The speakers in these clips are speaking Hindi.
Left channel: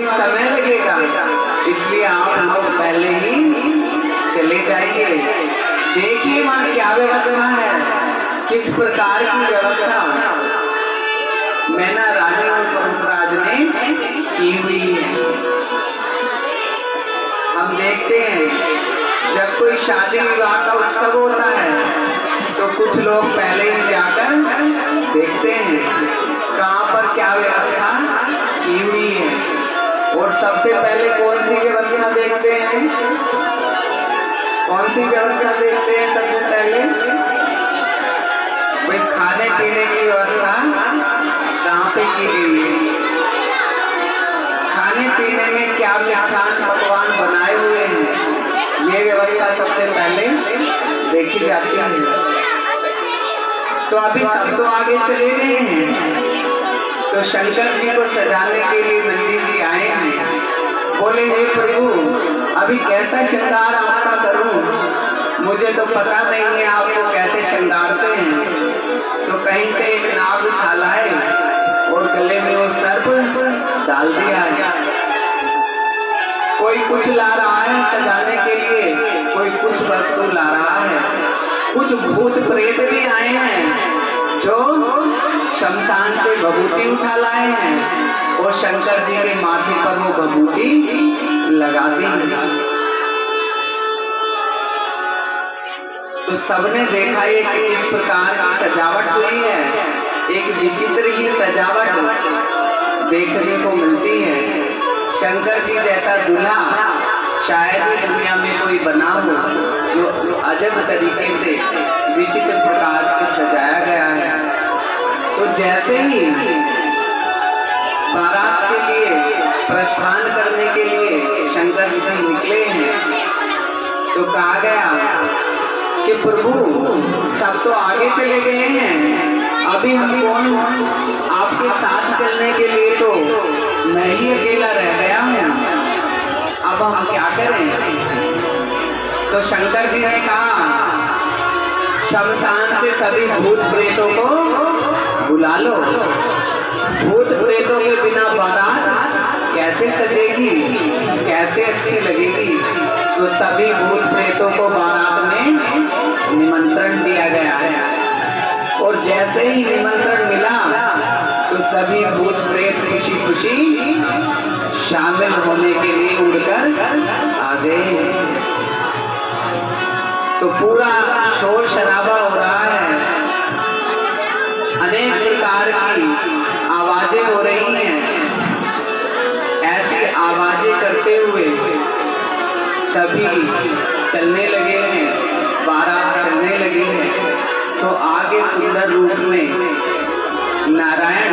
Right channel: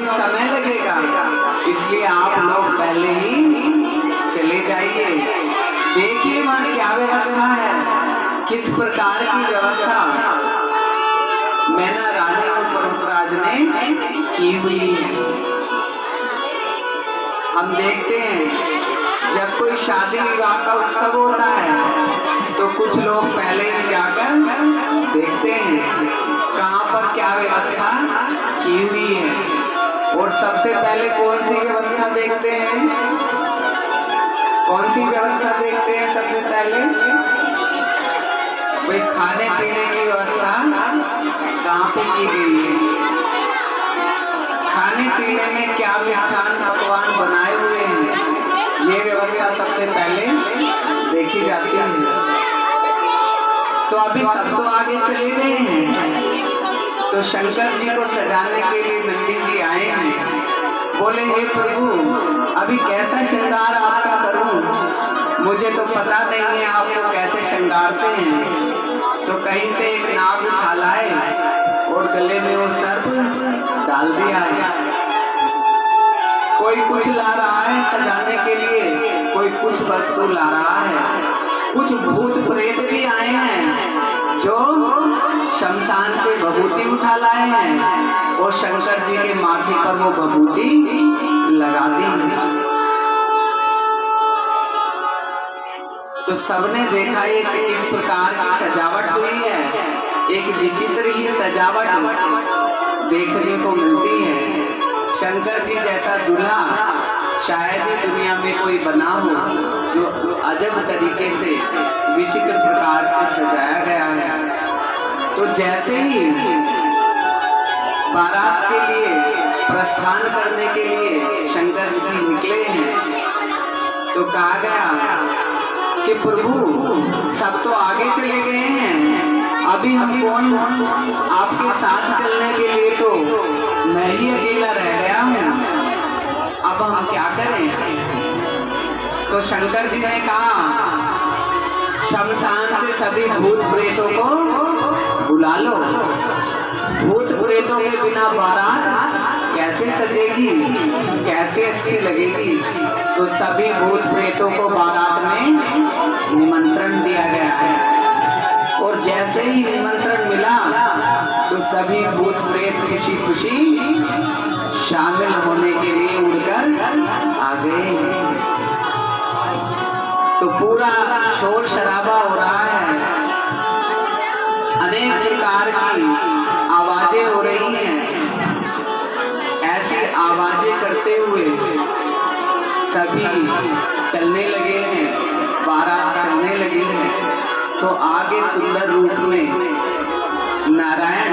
अभी समय लगेगा, इसलिए आप लोग पहले ही चले जाइए। देखिए वहां क्या व्यवस्था है, किस प्रकार की व्यवस्था मैना रानी और पर्वतराज ने की हुई है। हम देखते हैं जब कोई शादी विवाह का उत्सव होता है तो कुछ लोग पहले ही जाकर देखते हैं कहाँ पर क्या व्यवस्था की हुई है। और सबसे पहले कौन सी व्यवस्था देखते हैं? कौन सी व्यवस्था देखते हैं सबसे पहले? भाई खाने पीने की व्यवस्था कहाँ पे की गई है? खाने पीने में क्या मिष्ठान पकवान बनाए हुए हैं, ये व्यवस्था सबसे पहले देखी जाती है। तो अभी सब तो आगे चले गए हैं, तो शंकर जी को सजाने के लिए नंदी जी आए हैं। बोले हे प्रभु, अभी कैसा श्रृंगार आपका करूं, मुझे तो पता नहीं है आपको कैसे श्रृंगारते हैं। तो कहीं से एक नाग उठा लाए और गले में वो सर्प डाल दिया है। कोई कुछ ला रहा है सजाने के लिए, कोई कुछ वस्तु ला रहा है। कुछ भूत प्रेत भी आए हैं जो शमशान से भभूति उठा लाए हैं और शंकर जी के माथे पर वो भभूति लगा दी। तो सबने देखा ये कि इस प्रकार की सजावट हुई है, एक विचित्र ही सजावट देखने को मिलती है। शंकर जी जैसा दूल्हा शायद ही दुनिया में कोई बना हो जो अजब तरीके से विचित्र प्रकार से सजाया गया है। तो जैसे ही बारात के लिए प्रस्थान करने के लिए शंकर जी निकले हैं तो कहा गया कि प्रभु सब तो आगे चले गए हैं, अभी हम कौन आपके साथ चलने के लिए तो मैं ही अकेला रह गया हूँ, अब हम क्या करें? तो शंकर जी ने कहा शमशान से सभी भूत प्रेतों को बुला लो। भूत प्रेतों के बिना बारात कैसे सजेगी, कैसे अच्छी लगेगी? तो सभी भूत प्रेतों को बारात में निमंत्रण दिया गया है और जैसे ही निमंत्रण मिला तो सभी भूत प्रेत खुशी खुशी शामिल होने के लिए उड़कर आ गए। तो पूरा शोर शराबा हो रहा है, अनेक प्रकार की आवाजें हो रही हैं। ऐसी आवाजें करते हुए सभी चलने लगे हैं, बारात चलने लगी है। तो आगे सुंदर रूप में नारायण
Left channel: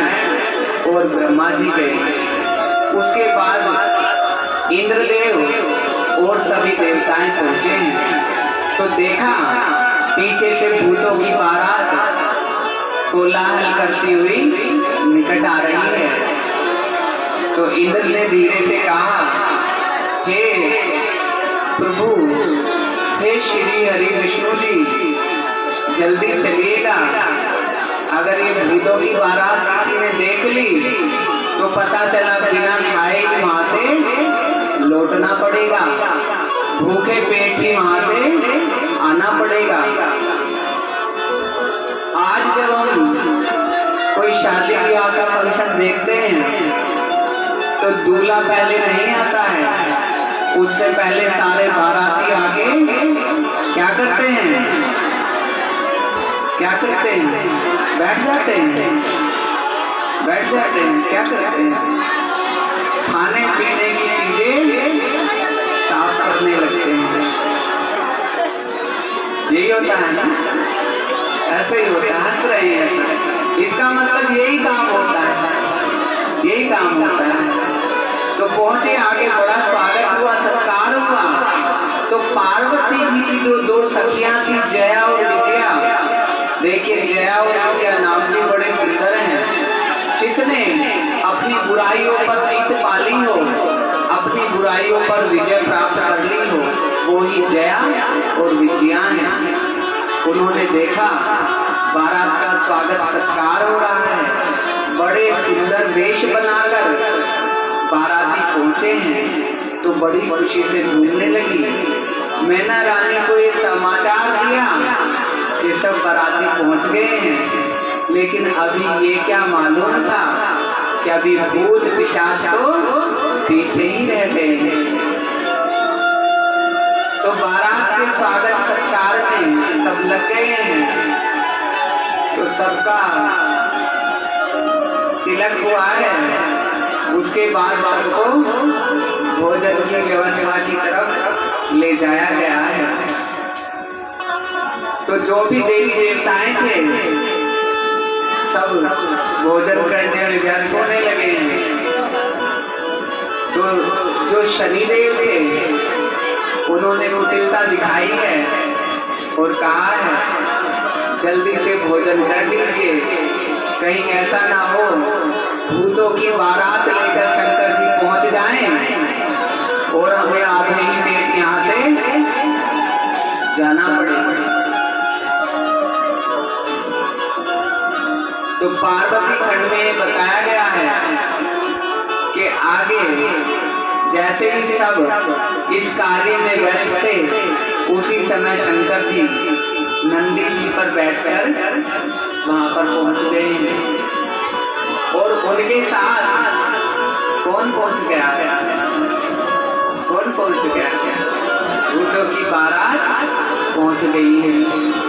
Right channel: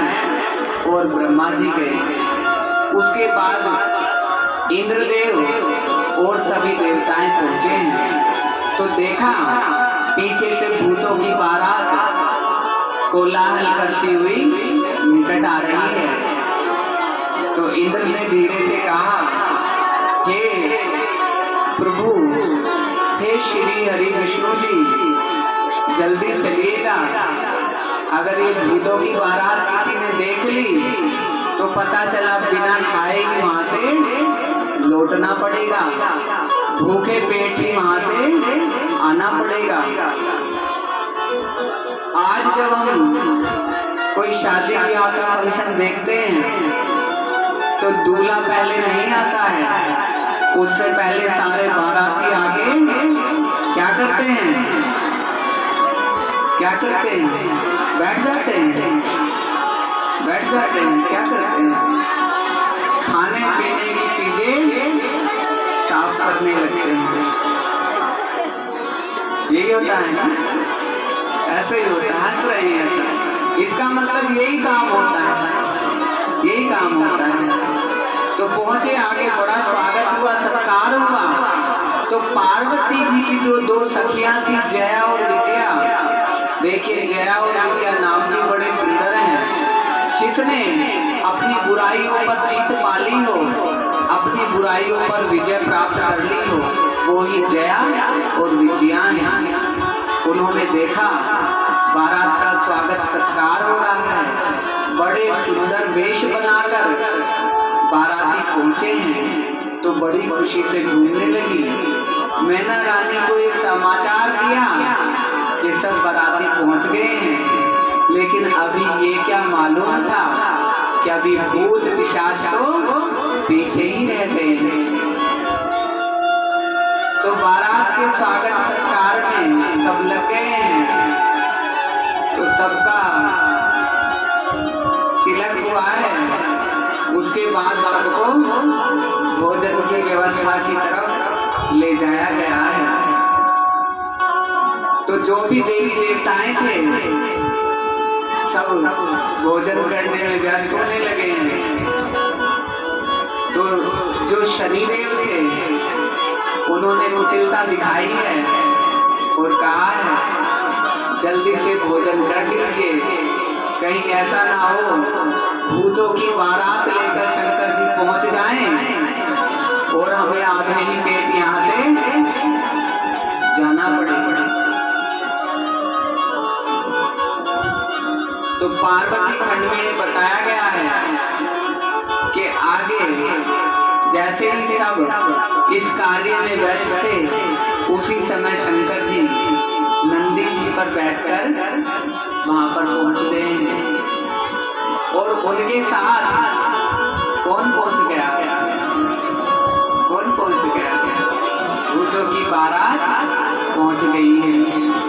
और ब्रह्मा जी गए। उसके बाद इंद्रदेव और सभी देवताएं पहुंचे हैं। तो देखा पीछे से भूतों की बारात कोलाहल करती हुई निकट आ रही है। तो इंद्र ने धीरे से कहा, हे प्रभु, हे श्री हरि विष्णु जी, जल्दी चलिएगा, अगर ये भूतों की बारात किसी ने देख ली तो पता चला बिना खाए ही वहां से लौटना पड़ेगा, भूखे पेट ही वहां से आना पड़ेगा। आज जब हम कोई शादी ब्याह का फंक्शन देखते हैं तो दूल्हा पहले नहीं आता है, उससे पहले सारे बाराती आके क्या करते हैं? क्या करते हैं? बैठ जाते हैं, बैठ जाते हैं। क्या करते हैं? खाने पीने की चीजें साफ करने लगते हैं। यही होता है ना, ऐसे ही होता है। हंस रहे हैं, इसका मतलब यही काम होता है, यही काम होता है। तो पहुंचे आगे, बड़ा स्वागत हुआ, सत्कार हुआ। तो पार्वती जी की जो दो सखियां थी, जया और विजया, देखिए जया और विजया नाम भी बड़े सुंदर हैं। जिसने अपनी बुराइयों पर जीत पाली हो, अपनी बुराइयों पर विजय प्राप्त कर ली हो, वो ही जया और विजया हैं। उन्होंने देखा बारात का स्वागत सत्कार हो रहा है, बड़े सुंदर वेश बनाकर बाराती पहुंचे हैं तो बड़ी खुशी से झूमने लगी। मैना रानी को ये समाचार दिया कि सब बाराती पहुंच गए हैं, लेकिन अभी ये क्या मालूम था कि अभी भूत पिशाच तो पीछे ही रह गए हैं। तो बारात के स्वागत सत्कार में सब लग गए हैं, तो सबका तिलक हुआ है। उसके बाद सबको भोजन की व्यवस्था की तरफ ले जाया गया है। तो जो भी देवी देवताएं थे सब भोजन करने में व्यस्त होने लगे हैं। तो जो शनिदेव थे उन्होंने कुटिलता दिखाई है और कहा है जल्दी से भोजन कर लीजिए, कहीं ऐसा ना हो भूतों की बारात लेकर शंकर जी पहुंच जाएं और हमें आधे ही पेट यहाँ से जाना पड़े। तो पार्वती खंड में बताया गया है कि आगे जैसे ही सब इस कार्य में व्यस्त थे, उसी समय शंकर जी नंदी जी पर बैठकर वहां पर पहुंच गए हैं। और उनके साथ कौन पहुंच गया? कौन पहुंच गया? भूतों की बारात पहुंच गई है।